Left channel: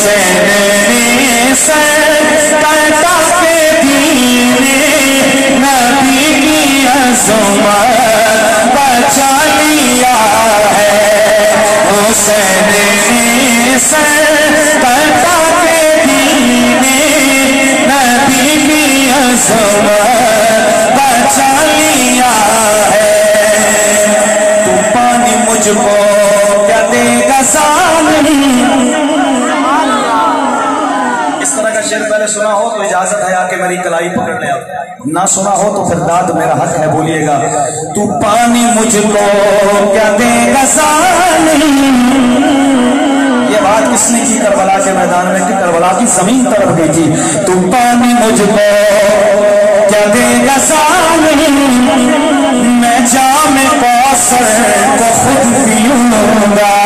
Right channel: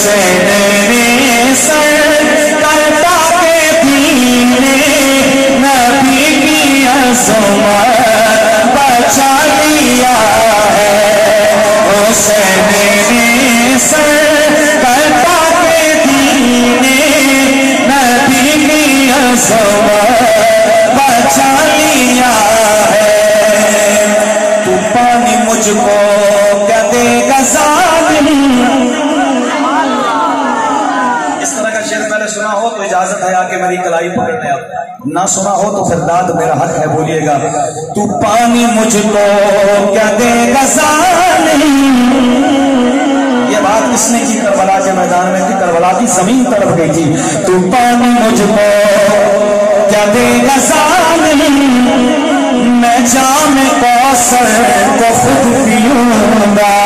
حسین سر کٹا کے دینے نبی کی عظمت بچا لیا ہے حسین سر کٹا کے دینے نبی کی عظمت بچا لیا ہے تو پانی مجھ کو کیا دے گا ظالم شعر پہلے سنا ہو تو اجازت ہے آکے میری کلائی پکڑنے آپ نہ سنا ہو تو پھر داد میرا حق ہے بولیے گا تو پانی مجھ کو کیا دے گا ظالم یہ بات کس نے کی کربلا کے میدان میں کی کربلا کی زمین تڑپ گئی تھی تو پانی مجھ کو کیا دے گا ظالم میں جام کوثر کو خود پیوں گا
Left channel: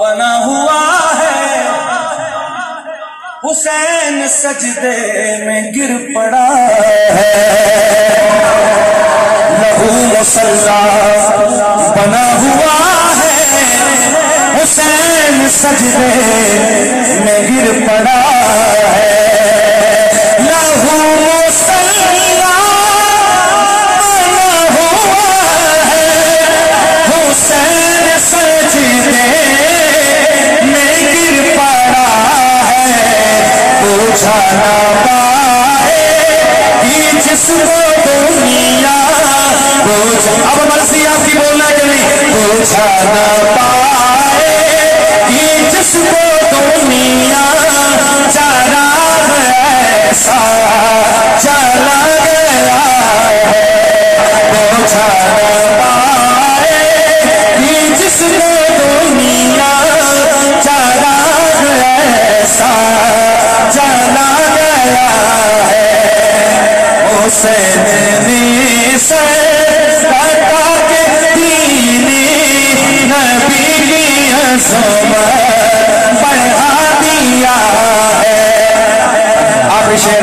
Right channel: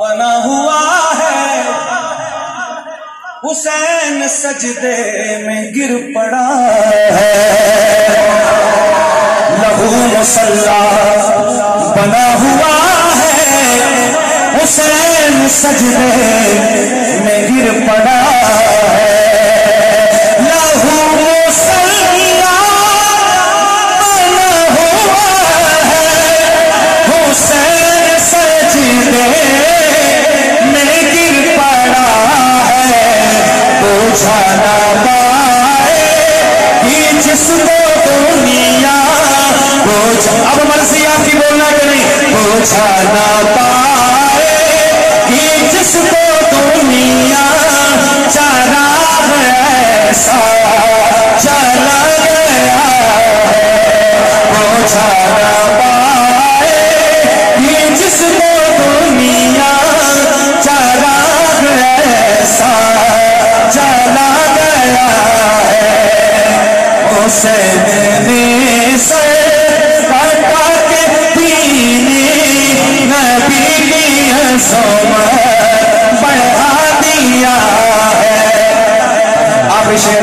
بنا ہوا ہے حسین سجدے میں گر پڑا ہے لہو مسلح بنا ہوا ہے حسین سجدے میں گر پڑا ہے اب مرضی آپ کی بولنا کہ نہیں پوچھا نہ پائے یہ جس کو دنیا چلا ایسا چلا گیا ہے پوچھا نہ پائے یہ جس کو دنیا چلا ایسا چلا گیا ہے حسین نے سے بڑھا دیا ہے آخری شعر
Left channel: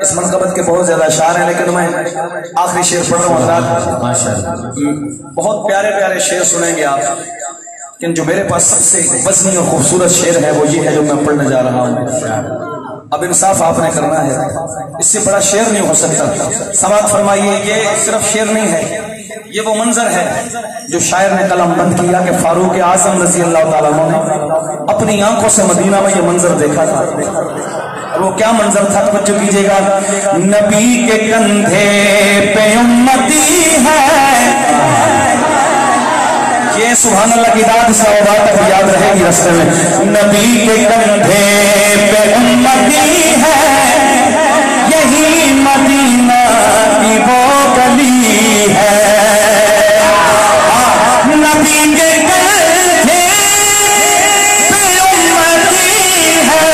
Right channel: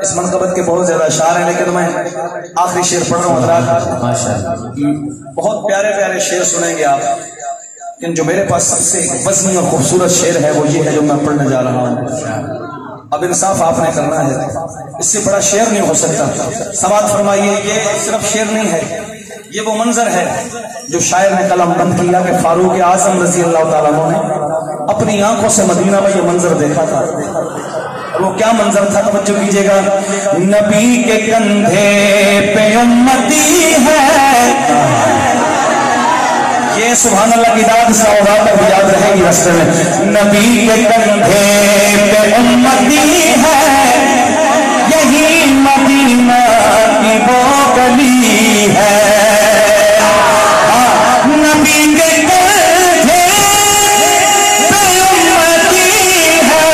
اس منقبت کے بہت زیادہ اشعار ہیں لیکن میں آخری شعر پڑھ رہا ہوں حضرات بہت پیارے پیارے شعر سنیں گے آپ لیکن جو میرے پاس سب سے وزنی اور خوبصورت شعر ہے وہ یہ ہے جو میں پڑھنے جا رہا ہوں اب انصاف آپ نے کرنا ہے اس سے بڑا شعر نہیں ہو سکتا سماعت فرمائیے یہ صرف شعر نہیں ہے یہ وہ منظر ہے جو شاعر نے قلم بند کیا کہ فاروق اعظم رضی اللہ تعالیٰ عنہ نے اپنی آنکھوں سے مدینہ میں یہ منظر دیکھا تھا اور وہ کیا منظر تھا توجہ کیجیے گا نبی کے کندھے پہ امتی ہے یہ سبحان اللہ کی داد صلوات کو یاد رہے گی رستے میں. نبی کے کندھے پہ امتی ہے یہی مدینہ کی وہ گلی ہے. نبی کے کندھے پہ امتی ہے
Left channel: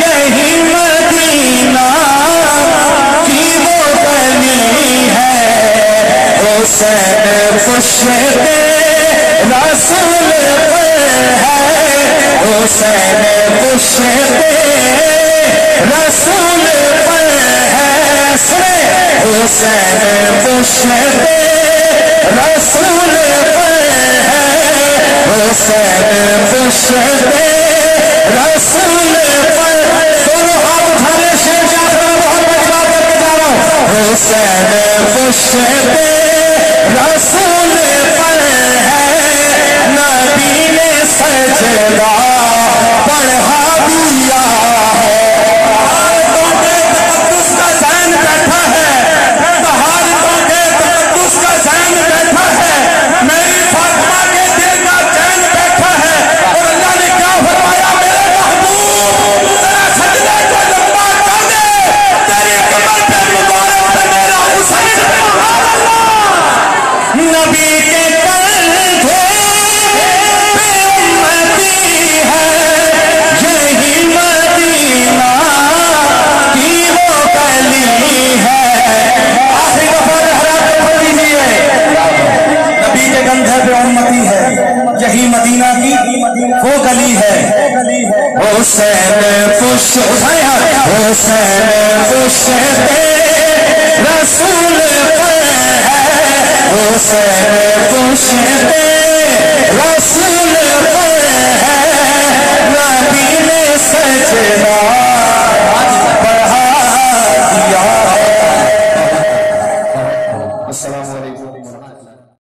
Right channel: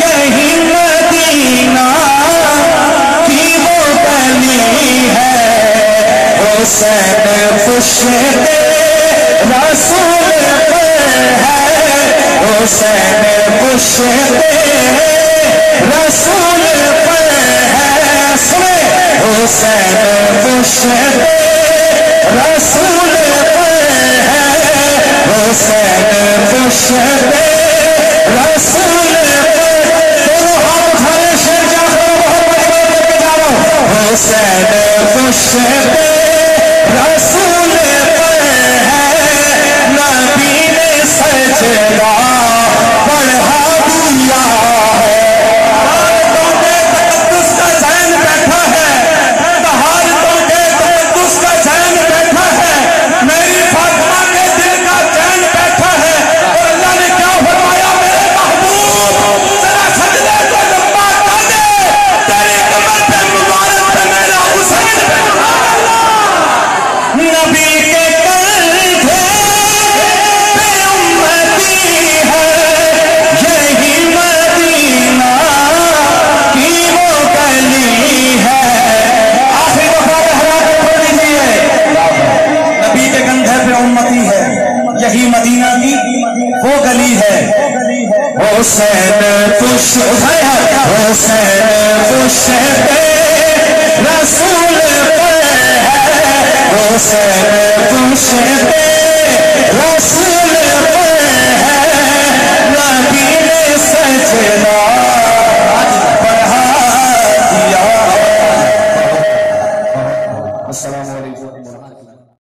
یہی مدینہ کی وہ گلی ہے. حسین خوش رسول پر ہے حسین خوش رسول پر ہے. سنے حسین خوش رسول پر ہے حسین خوش رسول پر. دونوں ہاتھ اٹھانے شیر جعفر بہت بڑا کر کے جا رہا ہوں. حسین خوش رسول پر ہے نبی نے سجدہ پڑھا دیا ہے. تقدس کا ذہن بیٹھا ہے تہارتوں کے تقدس کا ذہن بیٹھا ہے میری فاطمہ کے دل کا ذہن بیٹھا ہے. اور اللہ نے کیا فرمایا میرے محبوب ذرا سجدے کو لمبا کر دے تیری کمر پہ مبارک پہ میرا حسین. نبی کے کندھے پہ امتی ہے یہی مدینہ کی وہ گلی ہے. آخری دفعہ لہرا کے پڑھ لیجیے. نبی کے کندھے پہ امتی ہے یہی مدینہ کی وہ گلی ہے. حسین خوش حسین خوش رسول پر ہے حسین خوش رسول